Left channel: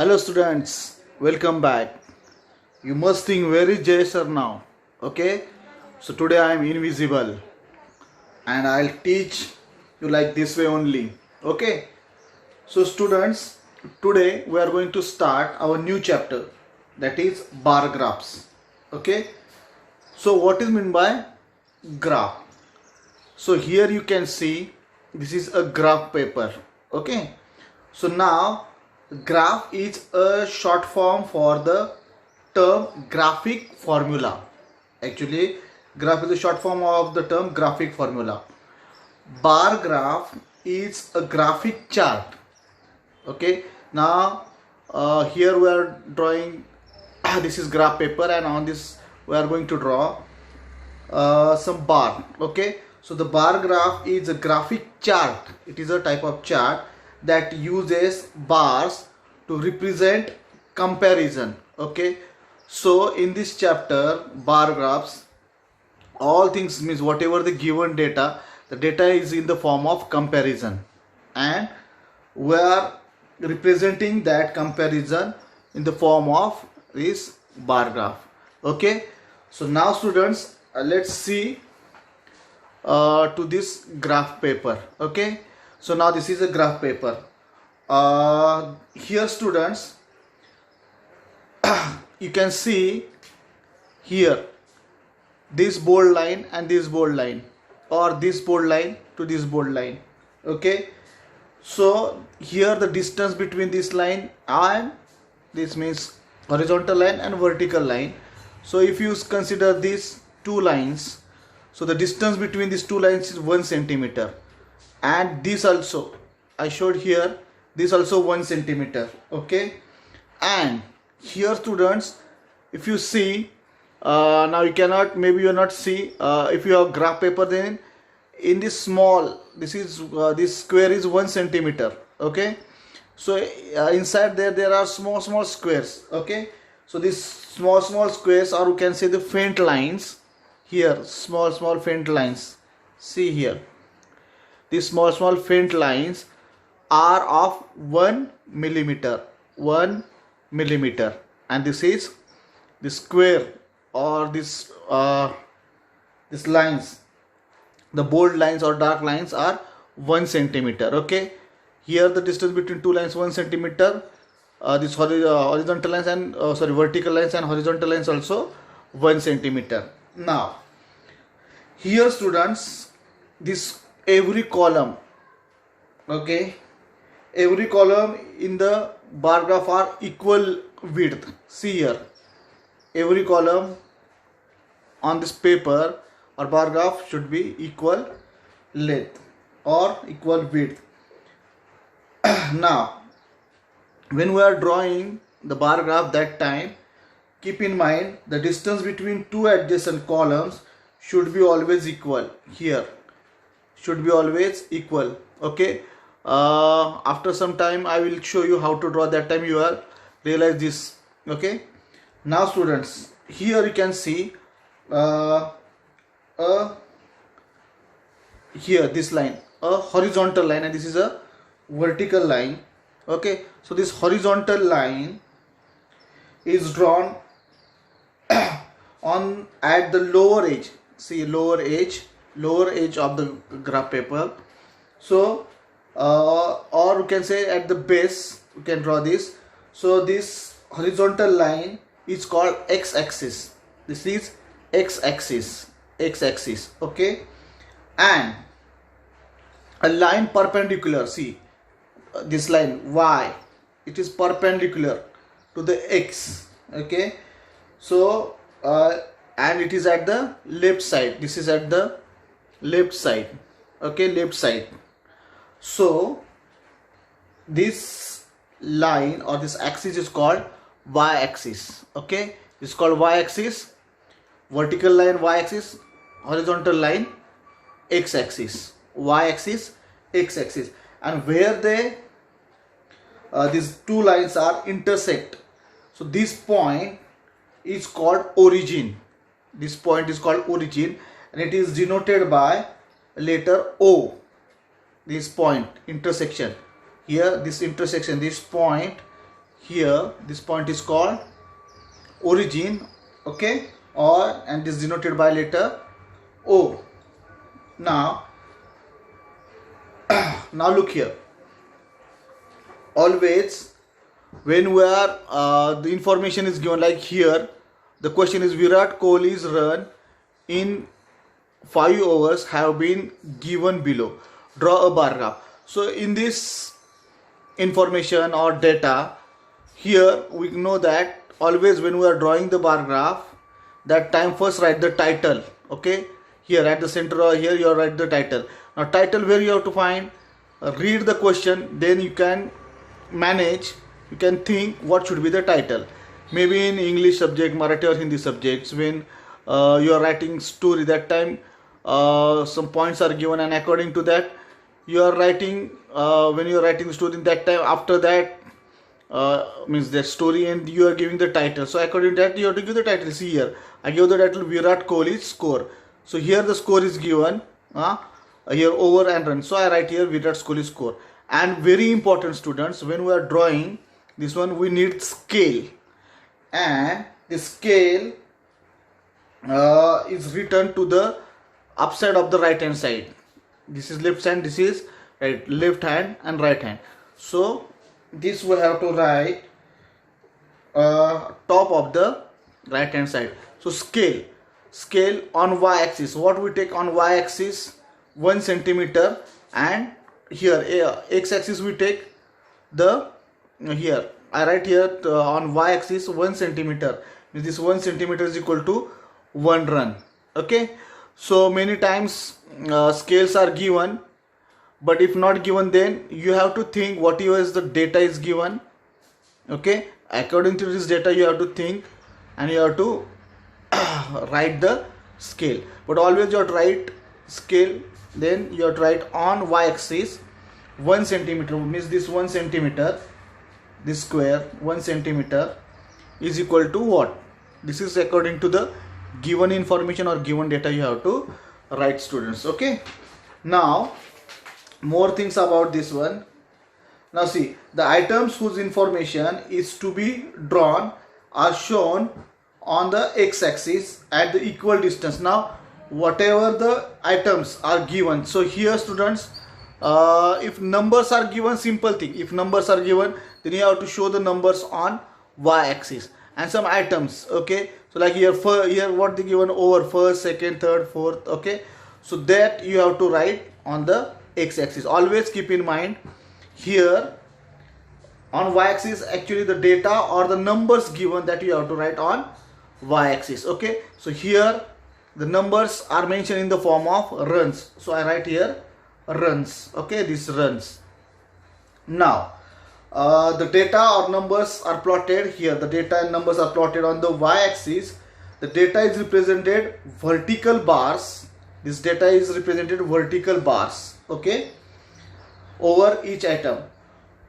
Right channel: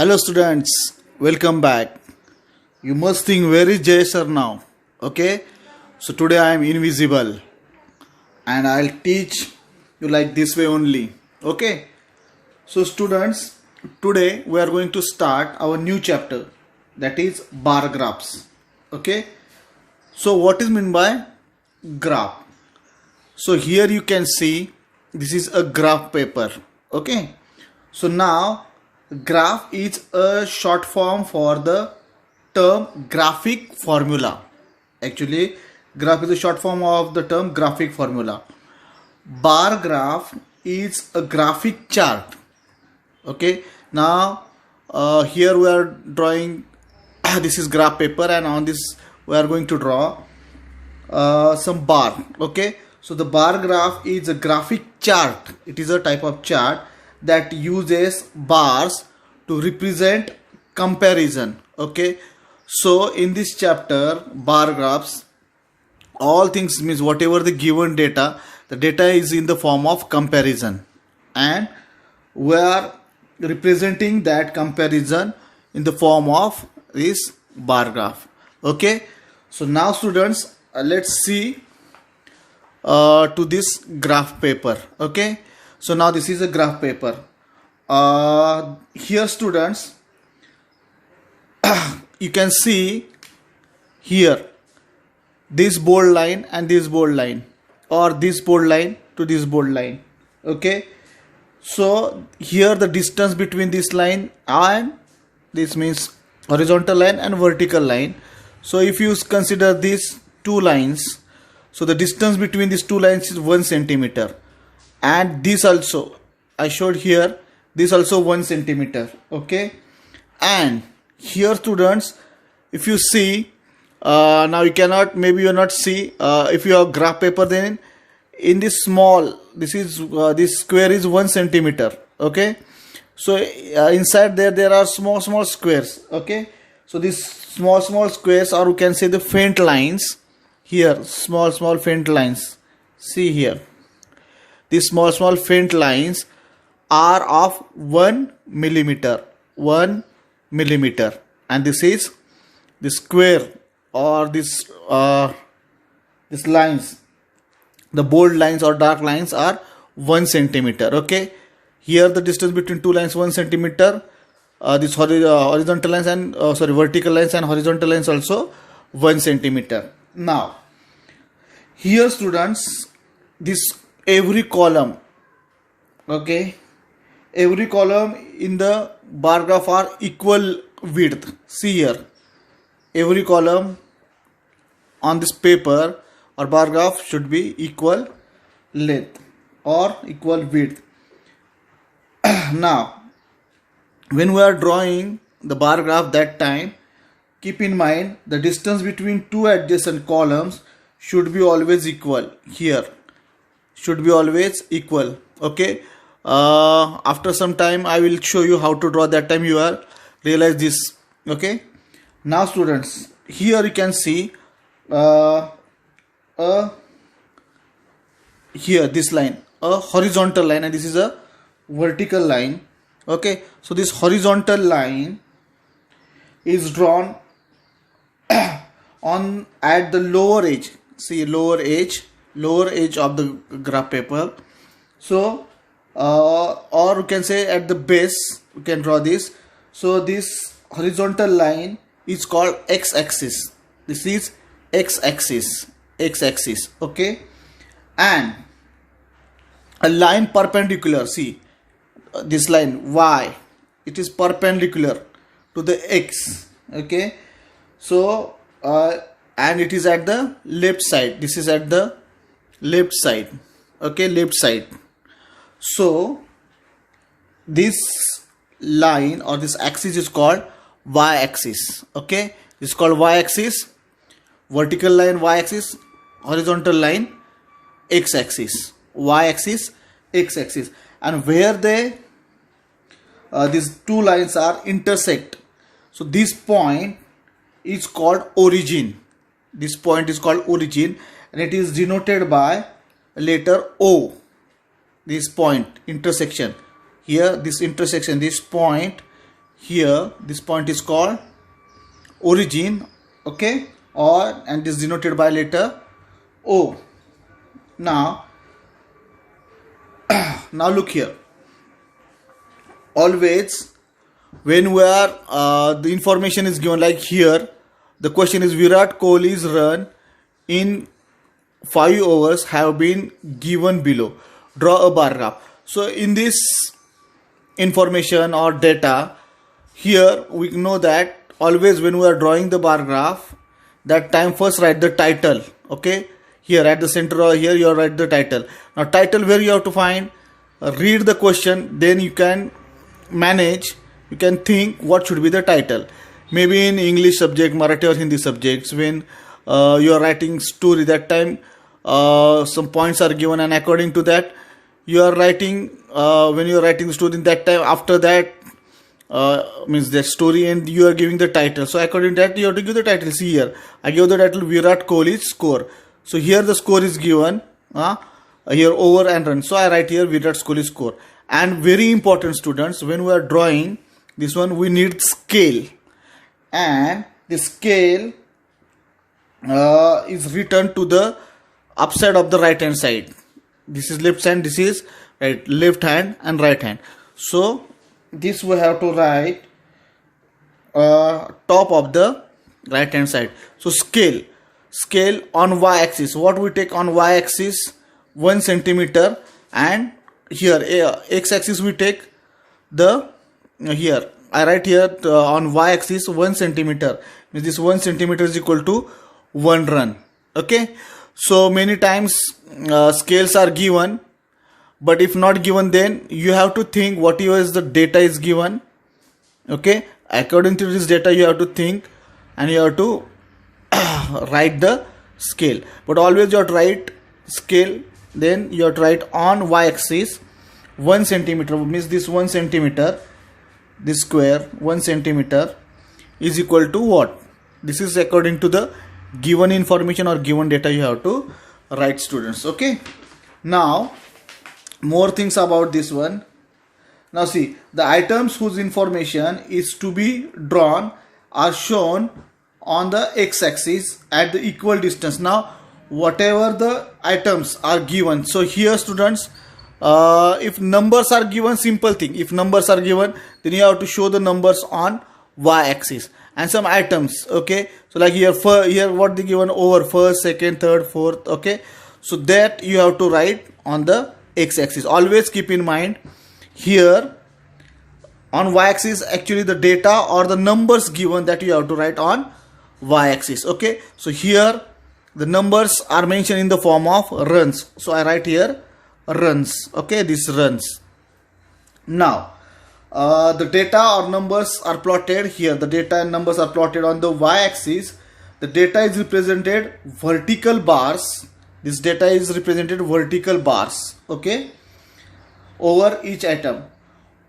Hello students, welcome back. You must think where is Jay sir now? Okay, so today I am invisible and I'll teach you like this way only. Okay, so students, today we are going to start our new chapter, that is bar graphs. Okay, so what is meant by graph? So here you can see this is a graph paper. Okay, so now graph is a short form for the term graphic formula. Actually, graph is a short form of the term graphic formula. Bar graph is a graphic chart. Okay, now here we are drawing this is graph paper, and on this we are going to draw some bar. Okay, so the bar graph is a graphic chart. It is a type of chart that uses bars to represent comparison. Okay, so in this chapter bar graphs, all things means whatever the given data, the data is in the form of comparison, and we are representing that comparison in the form of this bar graph. Okay, so now students, let's see to this graph paper. Okay, so now this is a graph paper. Here students, you can see here this bold line and this bold line, or this bold line to this bold line. Okay, so here the distance between this line and this means horizontal line and vertical line. So if you consider these two lines, so the distance between these two lines is 1 centimeter, and this also I showed here, this also 1 centimeter. Okay, and here students, if you see, now you cannot, maybe you not see, if you have graph paper, then in this small, this is this square is 1 centimeter. Okay, so inside there are small squares. Okay, so these small squares, or you can say the faint lines, here small faint lines, see here, these small faint lines are of 1 millimeter, and this is the square, or this this lines, the bold lines or dark lines are 1 centimeter. Okay, here the distance between two lines 1 centimeter, this horizontal lines and vertical lines and horizontal lines also 1 centimeter. Now here students, this every column, okay, every column in the bar graph are equal width. See here, every column on this paper or bar graph should be equal length or equal width. Now when we are drawing the bar graph, that time keep in mind the distance between two adjacent columns should be always equal. Here should be always equal. Okay, after some time I will show you how to draw, that time you are realize this. Okay, now students, here you can see here this line, a horizontal line, and this is a vertical line. Okay, so this horizontal line is drawn on at the lower edge. See, lower edge of the graph paper. So or you can say at the base you can draw this. So this horizontal line is called x-axis. This is x-axis. Okay, and a line perpendicular, see this line y, it is perpendicular to the x. Okay, so and it is at the left side, this is at the left side. Okay, left side. So this line or this axis is called y-axis. Okay, it's called y-axis, vertical line y-axis, horizontal line x-axis, y-axis, x-axis. And where they these two lines are intersect, so this point is called origin. This point is called origin, and it is denoted by letter O. This point intersection, here this intersection, this point here this point is called origin, okay, or and is denoted by letter O. Now look here. Always when we are the information is given, like here the question is Virat Kohli's run in 5 overs have been given below. Draw a bar graph. So in this information or data, here we know that always when we are drawing the bar graph, that time first write the title. Okay, here at the center or here you write the title. Now title where you have to find, read the question, then you can manage, you can think what should be the title. Maybe in English subject, Marathi or Hindi subjects, when you are writing story, that time some points are given, and according to that you are writing, when you are writing the story, that time after that means that story, and you are giving the title. So according to that you have to give the title. See here, I give the title Virat Kohli's score. So here the score is given, here over and run. So I write here Virat Kohli's score. And very important students, when we are drawing this one, we need scale, and the scale is written to the upside of the right hand side. This is left hand, this is right, left hand and right hand. So this we have to write top of the right hand side. So scale on y axis, what we take on y axis 1 centimeter, and here x axis we take the, here I write here on y axis 1 centimeter, means this 1 centimeter is equal to 1 run. Okay, so many times scales are given, but if not given, then you have to think whatever is the data is given. Okay, according to this data you have to think, and you have to write the scale. But always you have to write scale, then you have to write on y axis 1 centimeter, means this 1 centimeter, this square 1 centimeter is equal to what? This is according to the given information or given data you have to write, students. Okay, now more things about this one. Now see, the items whose information is to be drawn are shown on the x-axis at the equal distance. Now whatever the items are given, so here students, if numbers are given, simple thing, if numbers are given, then you have to show the numbers on y-axis, and some items. Okay, so like here here what they given, over, first, second, third, fourth. Okay, so that you have to write on the x-axis. Always keep in mind, here on y-axis actually the data or the numbers given, that you have to write on y-axis. Okay, so here the numbers are mentioned in the form of runs, so I write here runs. Okay, this runs. Now the data or numbers are plotted here. The data and numbers are plotted on the y-axis. The data is represented vertical bars. This data is represented vertical bars. Okay, over each item.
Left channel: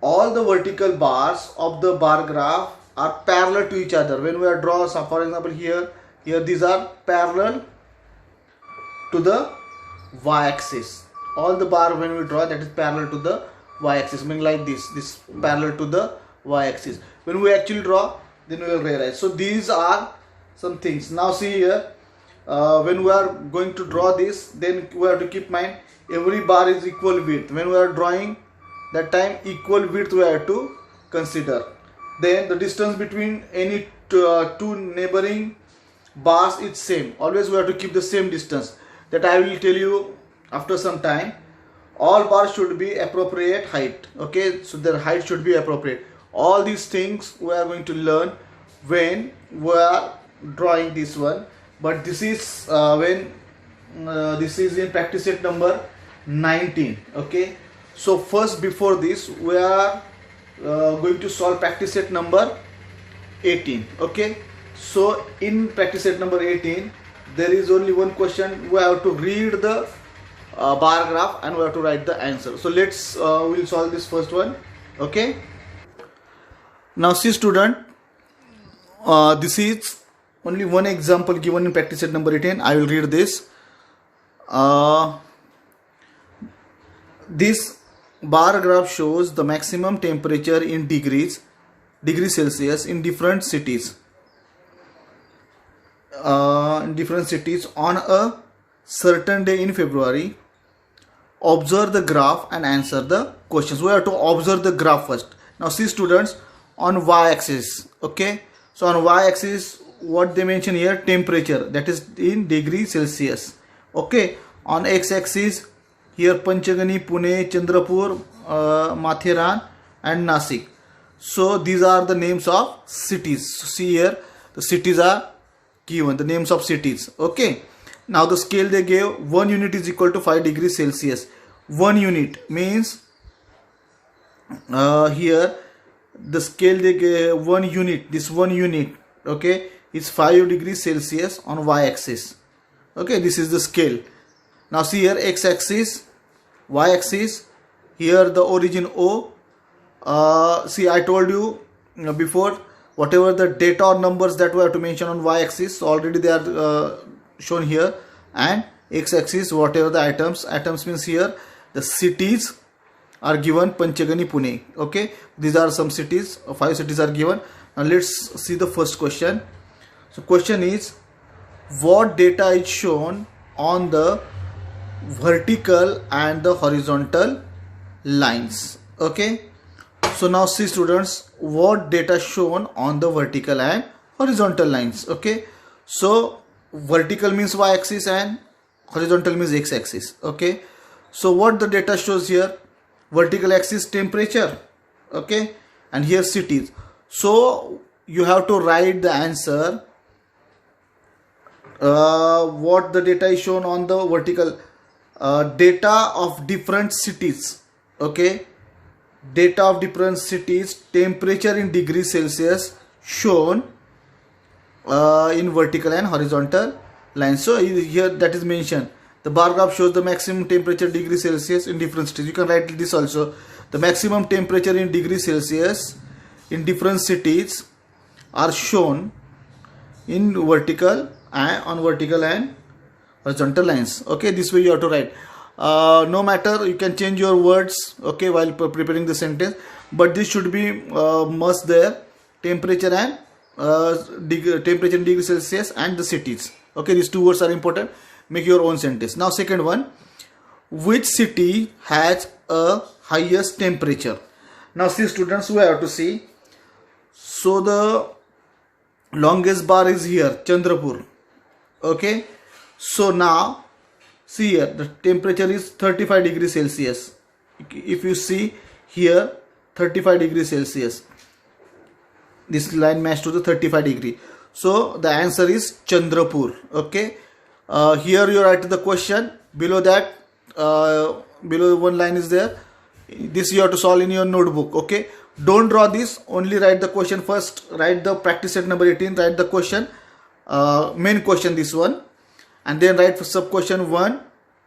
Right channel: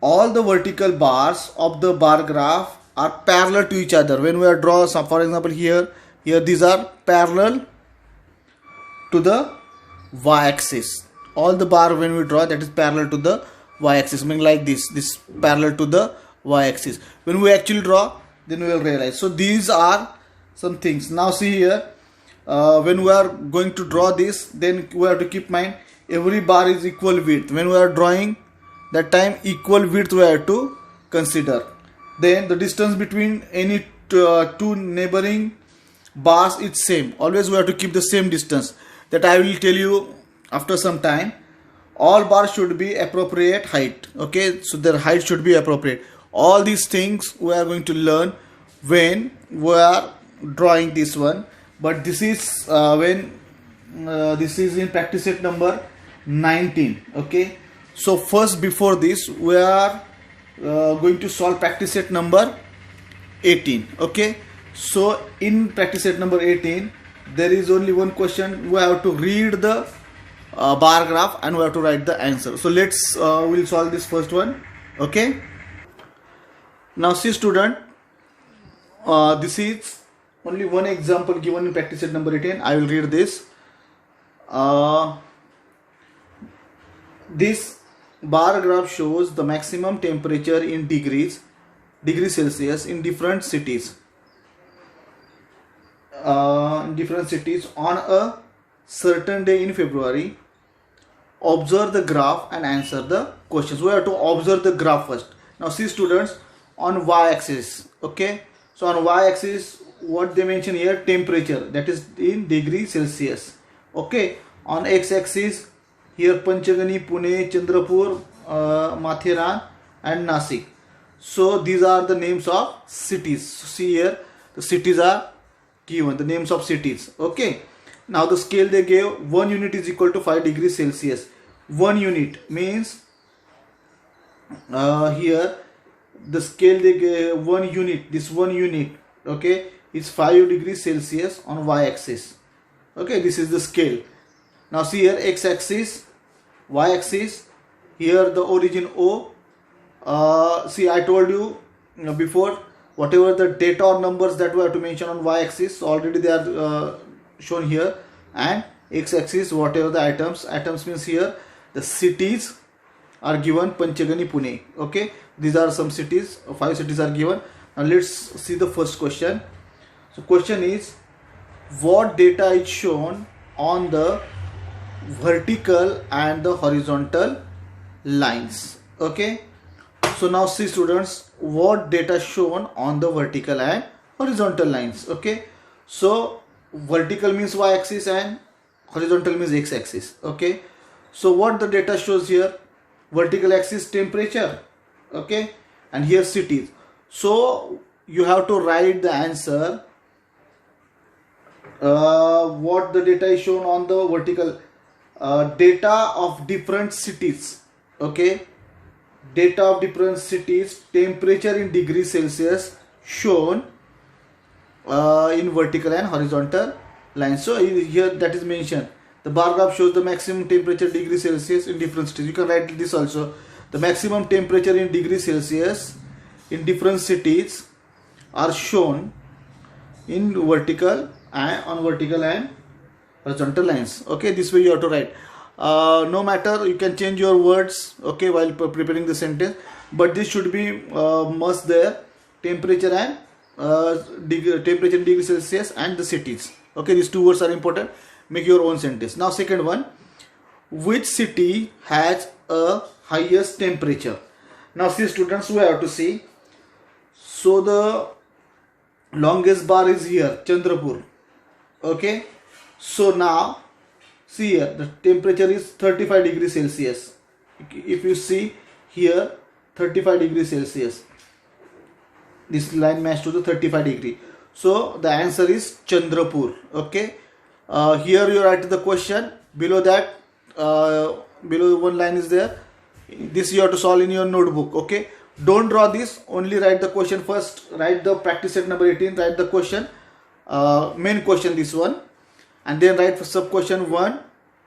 All the vertical bars of the bar graph are parallel to each other. When we are draw some, for example here these are parallel to the y-axis. All the bar when we draw, that is parallel to the y-axis, meaning like this parallel to the y-axis. When we actually draw, then we will realize. So these are some things. Now see here, when we are going to draw this, then we have to keep in mind every bar is equal width. When we are drawing, that time equal width we have to consider. Then the distance between any two neighboring bars is same. Always we have to keep the same distance. That I will tell you after some time. All bars should be appropriate height. Okay, so their height should be appropriate. All these things we are going to learn when we are drawing this one. But this is this is in practice set number 19. Okay, so first, before this, we are going to solve practice set number 18. Okay, so in practice set number 18 there is only one question. We have to read the bar graph and we have to write the answer. So let's we'll solve this first one. Okay, now see student, this is only one example given in practice set number 18. I will read this. This bar graph shows the maximum temperature in degrees degrees Celsius in different cities. On a certain day in February. Observe the graph and answer the questions. We have to observe the graph first. Now see students, on y-axis, okay, so on y-axis what they mention here, temperature, that is in degrees Celsius. Okay, on x-axis here Panchgani, Pune, Chandrapur, Matheran and Nasik. So these are the names of cities. So see here the cities are given, the names of cities. Okay, now the scale they gave, 1 unit is equal to 5 degrees Celsius. 1 unit means here the scale they gave, 1 unit, this 1 unit, okay, is 5 degrees Celsius on y-axis. Okay, this is the scale. Now see here x-axis, y-axis, here the origin O. See, I told you before, whatever the data or numbers that we have to mention on y-axis, already they are shown here, and x-axis whatever the items means here the cities are given, Panchgani, Pune. Okay, these are some cities, 5 cities are given. Now let's see the first question. So question is, what data is shown on the vertical and the horizontal lines? Okay, so now see students, what data shown on the vertical and horizontal lines. Okay, so vertical means y-axis and horizontal means x-axis. Okay, so what the data shows here, vertical axis temperature, okay, and here cities. So you have to write the answer, what the data is shown on the vertical, data of different cities. Okay, data of different cities, temperature in degrees Celsius shown in vertical and horizontal lines. So here that is mentioned, the bar graph shows the maximum temperature degrees Celsius in different cities. You can write this also, the maximum temperature in degrees Celsius in different cities are shown in vertical and on vertical and horizontal lines. Okay, this way you have to write. No matter, you can change your words, okay, while preparing the sentence, but this should be must there, temperature and temperature in degrees Celsius and the cities. Okay, these two words are important. Make your own sentence. Now second one, which city has a highest temperature? Now see students, we have to see. So the longest bar is here, Chandrapur. Okay, so now see here the temperature is 35 degrees Celsius. If you see here 35 degrees Celsius, this line matches to the 35 degree. So the answer is Chandrapur. Okay, here you write the question, below that below one line is there, this you have to solve in your notebook. Okay, don't draw this, only write the question first. Write the practice set number 18, write the question, main question, this one, and then write for sub question 1,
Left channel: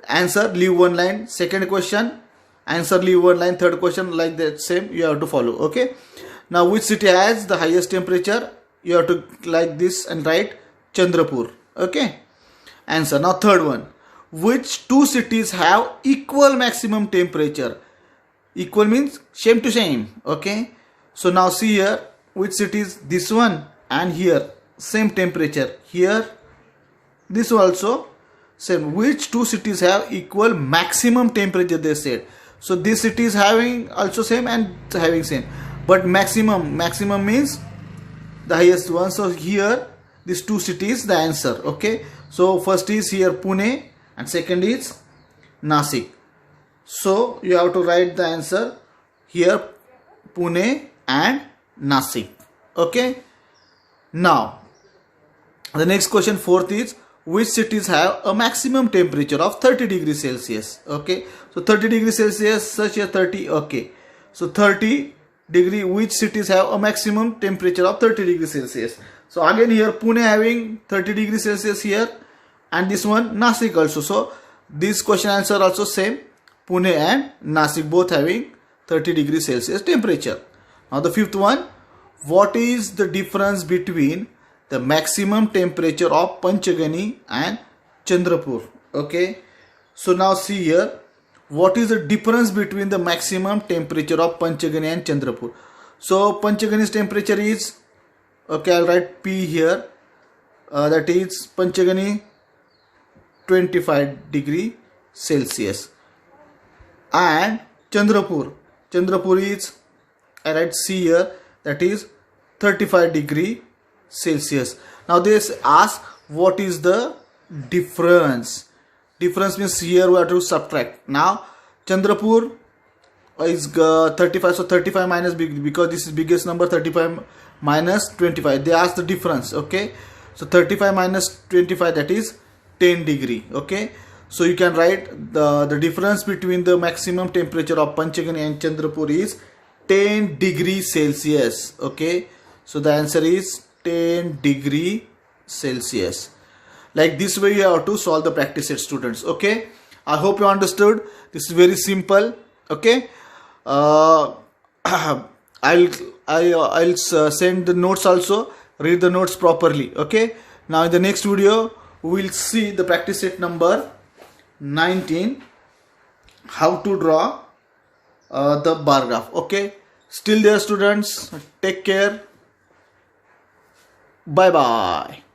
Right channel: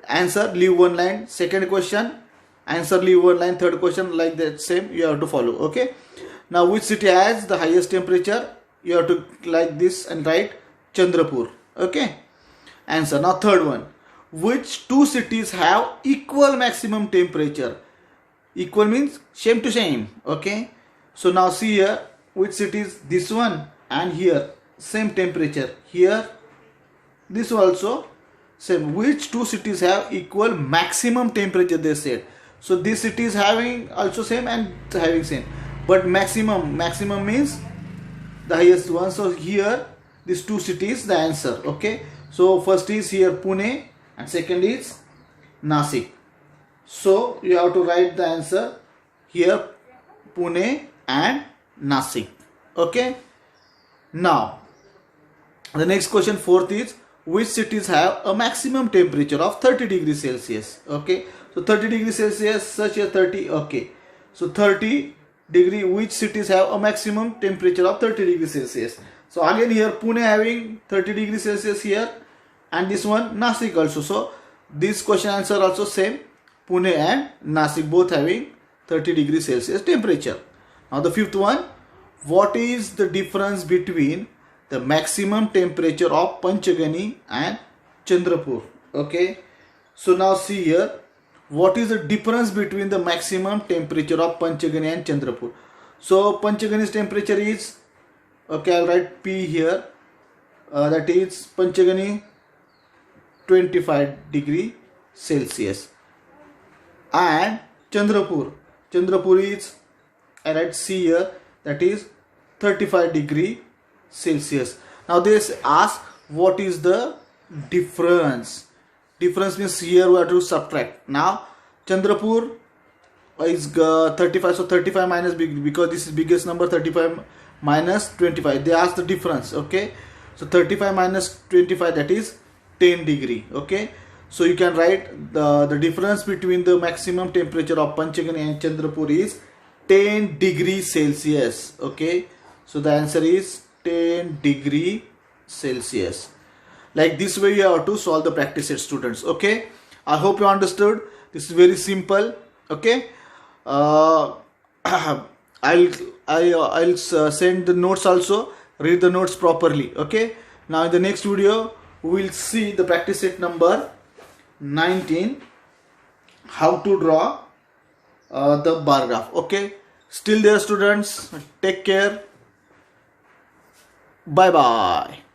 answer, leave one line, second question, answer, leave one line, third question, like that same you have to follow. Okay, now which city has the highest temperature? You have to like this and write Chandrapur. Okay, answer. Now third one, which two cities have equal maximum temperature? Equal means same to same. Okay, so now see here, which cities, this one and here same temperature, here this also same. Which two cities have equal maximum temperature, they said. So this city is having also same and having same, but maximum means the highest one. So here these two cities the answer. Okay, so first is here Pune and second is Nasik. So you have to write the answer here, Pune and Nasik. Okay, now the next question, fourth is, which cities have a maximum temperature of 30 degrees Celsius? Okay, so 30 degrees Celsius, such a 30. Okay, so 30 degree, which cities have a maximum temperature of 30 degrees Celsius? So again here Pune having 30 degrees Celsius here, and this one Nasik also. So this question answer also same, Pune and Nasik both having 30 degrees Celsius temperature. Now the fifth one, what is the difference between the maximum temperature of Panchgani and Chandrapur? Okay, so now see here, what is the difference between the maximum temperature of Panchgani and Chandrapur? So Panchgani's temperature is, okay, I'll write P here, that is Panchagani 25 degree Celsius. And Chandrapur is, I write C here, that is 35 degree Celsius. Now they ask what is the difference. Difference means here we have to subtract. Now Chandrapur is 35, so 35 minus big, because this is biggest number, 35 minus 25. They ask the difference. Okay, so 35 minus 25, that is 10 degree. Okay, so you can write the difference between the maximum temperature of Panchagani and Chandrapur is 10 degree Celsius. Okay, so the answer is 10 degree Celsius. Like this way you have to solve the practice set, students. Okay, I hope you understood. This is very simple. Okay, I'll send the notes also. Read the notes properly. Okay, now in the next video we will see the practice set number 19, how to draw the bar graph. Okay, still there, students. Take care. Bye bye.